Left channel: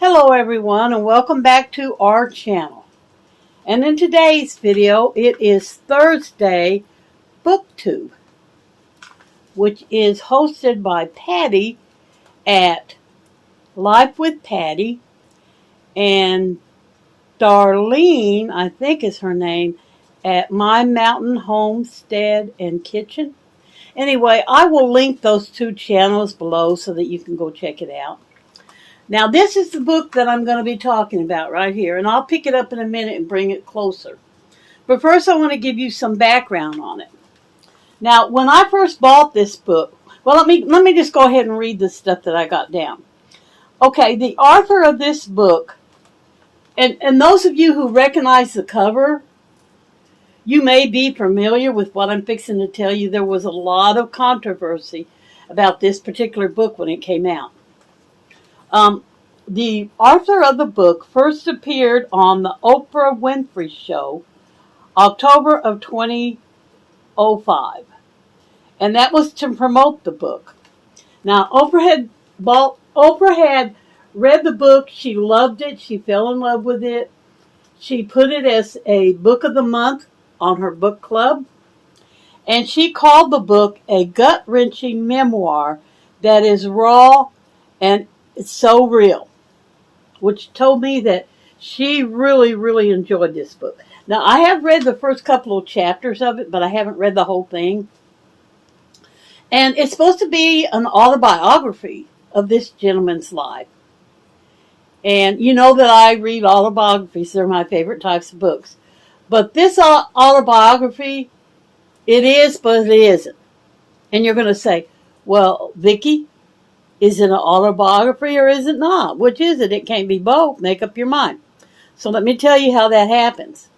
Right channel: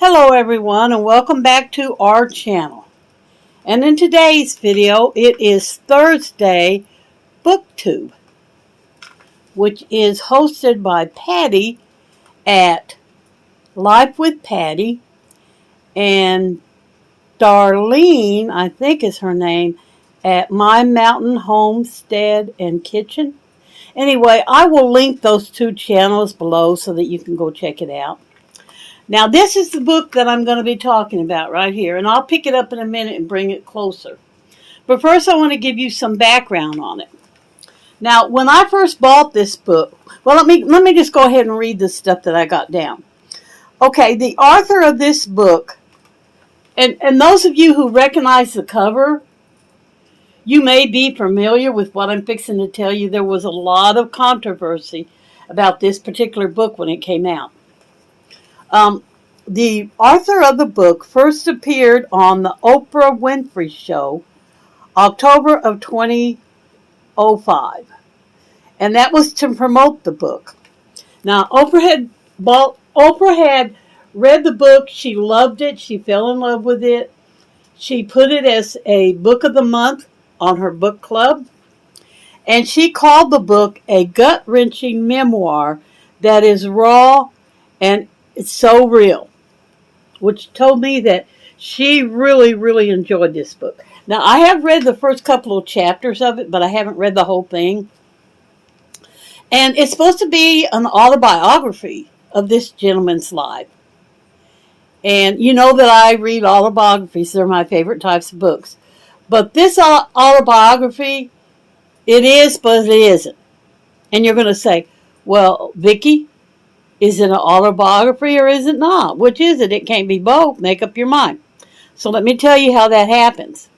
Hello everyone and welcome back to our channel. And in today's video it is Thursday Booktube, which is hosted by Patty at Life with Patty and Darlene, I think is her name, at My Mountain Homestead and Kitchen. Anyway, I will link those two channels below so that you can go check it out. Now, this is the book that I'm going to be talking about right here, and I'll pick it up in a minute and bring it closer. But first, I want to give you some background on it. Now, when I first bought this book, well, let me just go ahead and read the stuff that I got down. Okay, the author of this book, and those of you who recognize the cover, you may be familiar with what I'm fixing to tell you. There was a lot of controversy about this particular book when it came out. The author of the book first appeared on the Oprah Winfrey Show, October of 2005. And that was to promote the book. Now, Oprah had read the book. She loved it. She fell in love with it. She put it as a book of the month on her book club. And she called the book a gut-wrenching memoir that is raw and it's so real, which told me that she really, really enjoyed this book. Now, I have read the first couple of chapters of it, but I haven't read the whole thing. And it's supposed to be an autobiography of this gentleman's life. And you know that I read autobiographies. They're my favorite types of books. But this autobiography, it is, but it isn't. And you're going to say, well, Vicki, is it an autobiography or is it not? Which is it? It can't be both. Make up your mind. So let me tell you how that happens.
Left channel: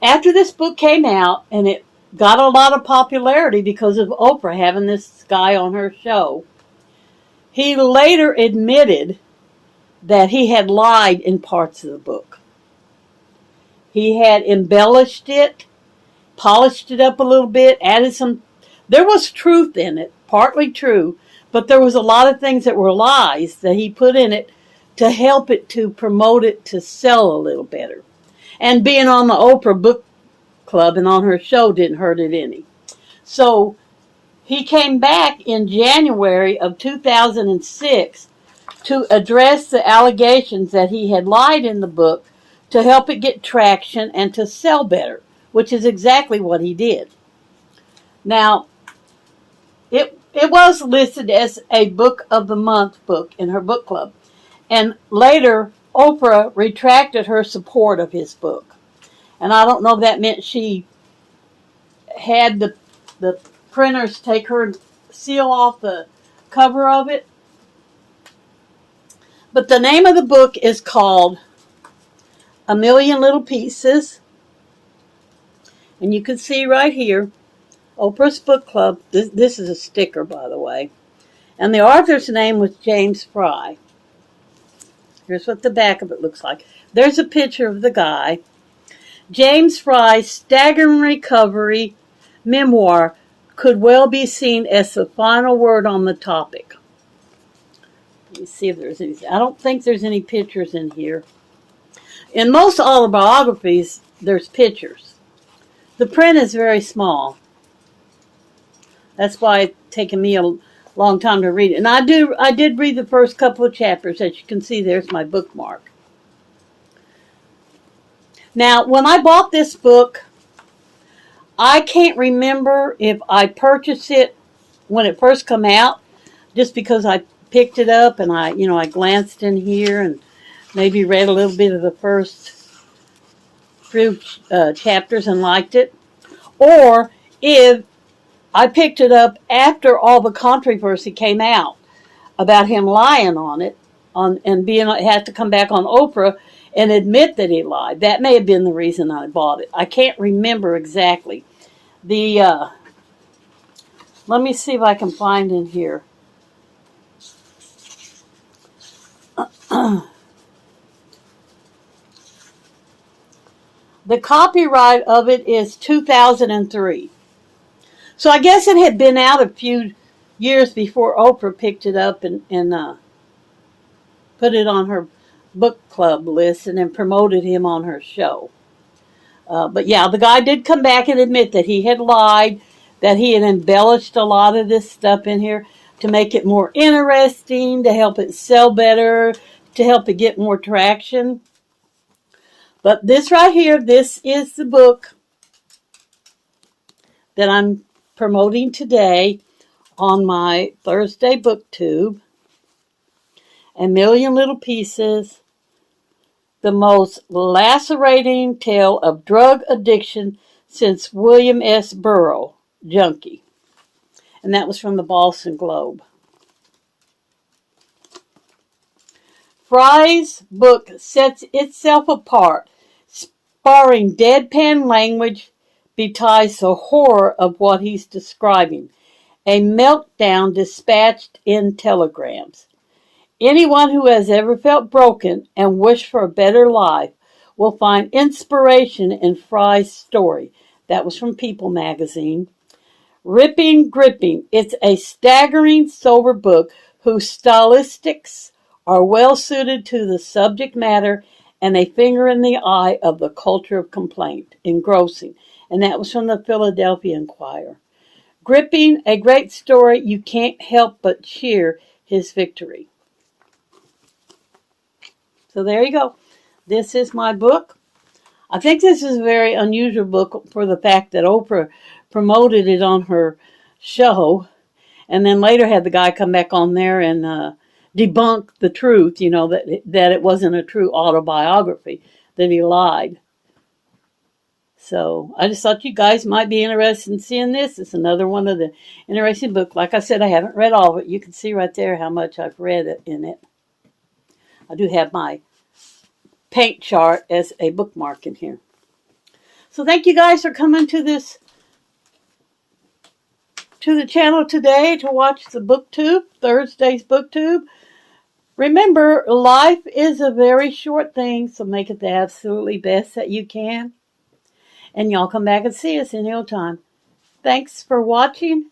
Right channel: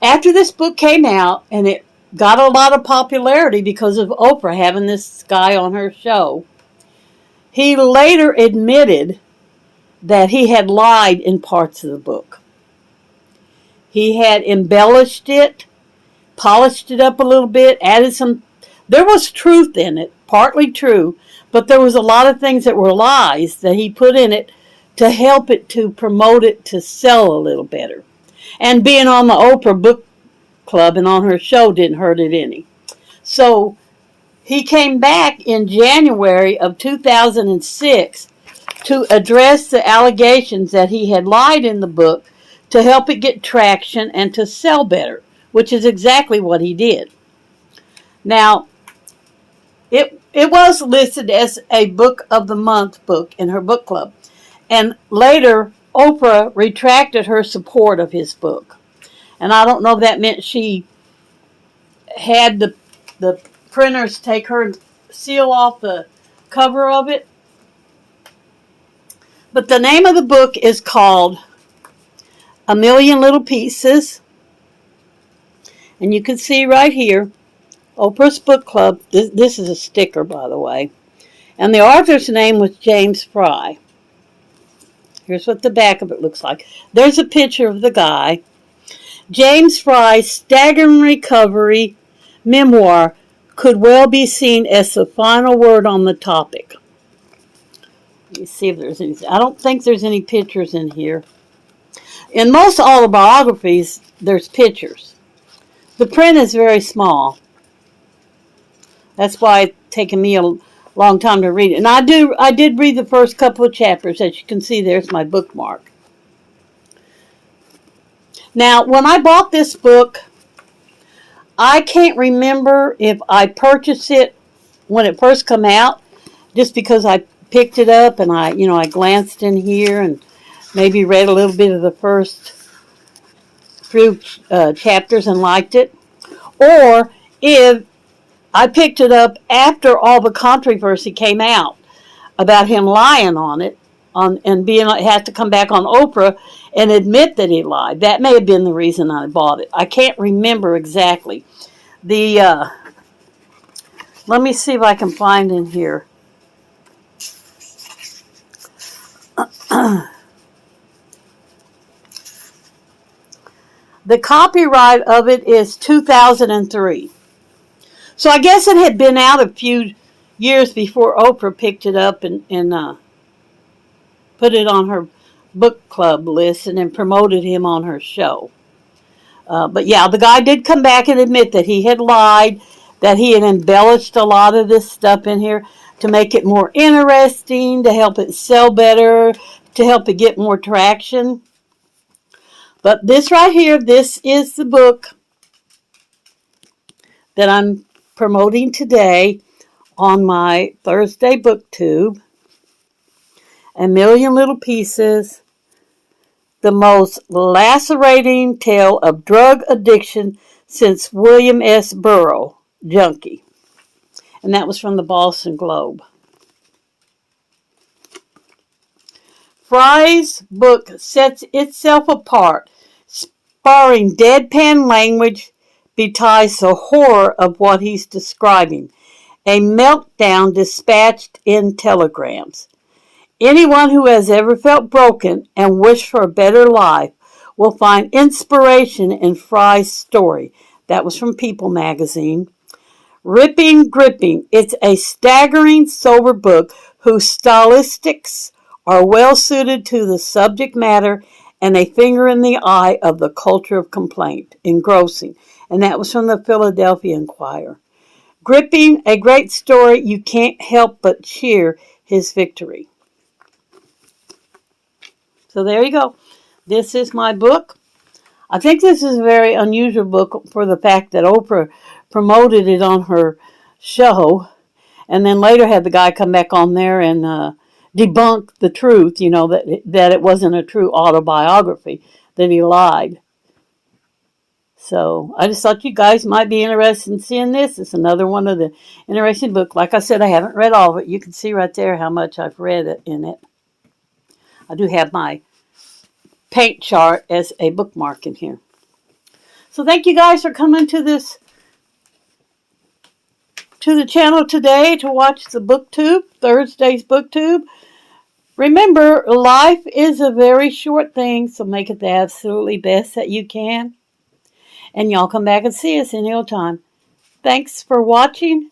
After this book came out, and it got a lot of popularity because of Oprah having this guy on her show, he later admitted that he had lied in parts of the book. He had embellished it, polished it up a little bit, added some. There was truth in it. Partly true, but there was a lot of things that were lies that he put in it to help it to promote it to sell a little better. And being on the Oprah Book Club and on her show didn't hurt it any. So he came back in January of 2006 to address the allegations that he had lied in the book to help it get traction and to sell better, which is exactly what he did. Now, it was listed as a Book of the Month book in her book club. And later, Oprah retracted her support of his book. And I don't know if that meant she had the printers take her and seal off the cover of it. But the name of the book is called A Million Little Pieces. And you can see right here, Oprah's Book Club. This is a sticker, by the way. And the author's name was James Fry. Here's what the back of it looks like. There's a picture of the guy. James Fry's staggering recovery memoir could well be seen as the final word on the topic. Let me see if there's any. I don't think there's any pictures in here. In most autobiographies, there's pictures. The print is very small. That's why it's taken me a long time to read it. And I did read the first couple of chapters. As you can see, there's my bookmark. Now, when I bought this book, I can't remember if I purchased it when it first came out, just because I picked it up and I glanced in here and maybe read a little bit of the first few chapters and liked it, or if I picked it up after all the controversy came out about him lying on it, and had to come back on Oprah and admit that he lied. That may have been the reason I bought it. I can't remember exactly. Let me see if I can find in here. The copyright of it is 2003. So I guess it had been out a few years before Oprah picked it up and put it on her book club list and then promoted him on her show. But yeah, the guy did come back and admit that he had lied, that he had embellished a lot of this stuff in here to make it more interesting, to help it sell better, to help it get more traction. But this right here, this is the book that I'm promoting today on my Thursday BookTube. A Million Little Pieces, the most lacerating tale of drug addiction since William S. Burroughs, Junkie. And that was from the Boston Globe. Fry's book sets itself apart. Sparring deadpan language belies the horror of what he's describing. A meltdown dispatched in telegrams. Anyone who has ever felt broken and wished for a better life will find inspiration in Fry's story. That was from People magazine. Ripping, gripping. It's a staggering, sober book whose stylistics are well suited to the subject matter and a finger in the eye of the culture of complaint. Engrossing. And that was from the Philadelphia Inquirer. Gripping, a great story. You can't help but cheer his victory. So there you go. This is my book. I think this is a very unusual book for the fact that Oprah promoted it on her show and then later had the guy come back on there and debunk the truth, that it wasn't a true autobiography, that he lied. So I just thought you guys might be interested in seeing this. It's another one of the interesting books. Like I said, I haven't read all of it. You can see right there how much I've read in it. I do have my paint chart as a bookmark in here. So thank you guys for coming to the channel today to watch the BookTube, Thursday's BookTube. Remember, life is a very short thing, so make it the absolutely best that you can. And y'all come back and see us in no time. Thanks for watching,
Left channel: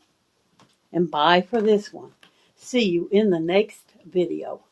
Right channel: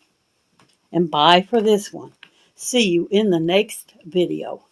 and bye for this one. See you in the next video.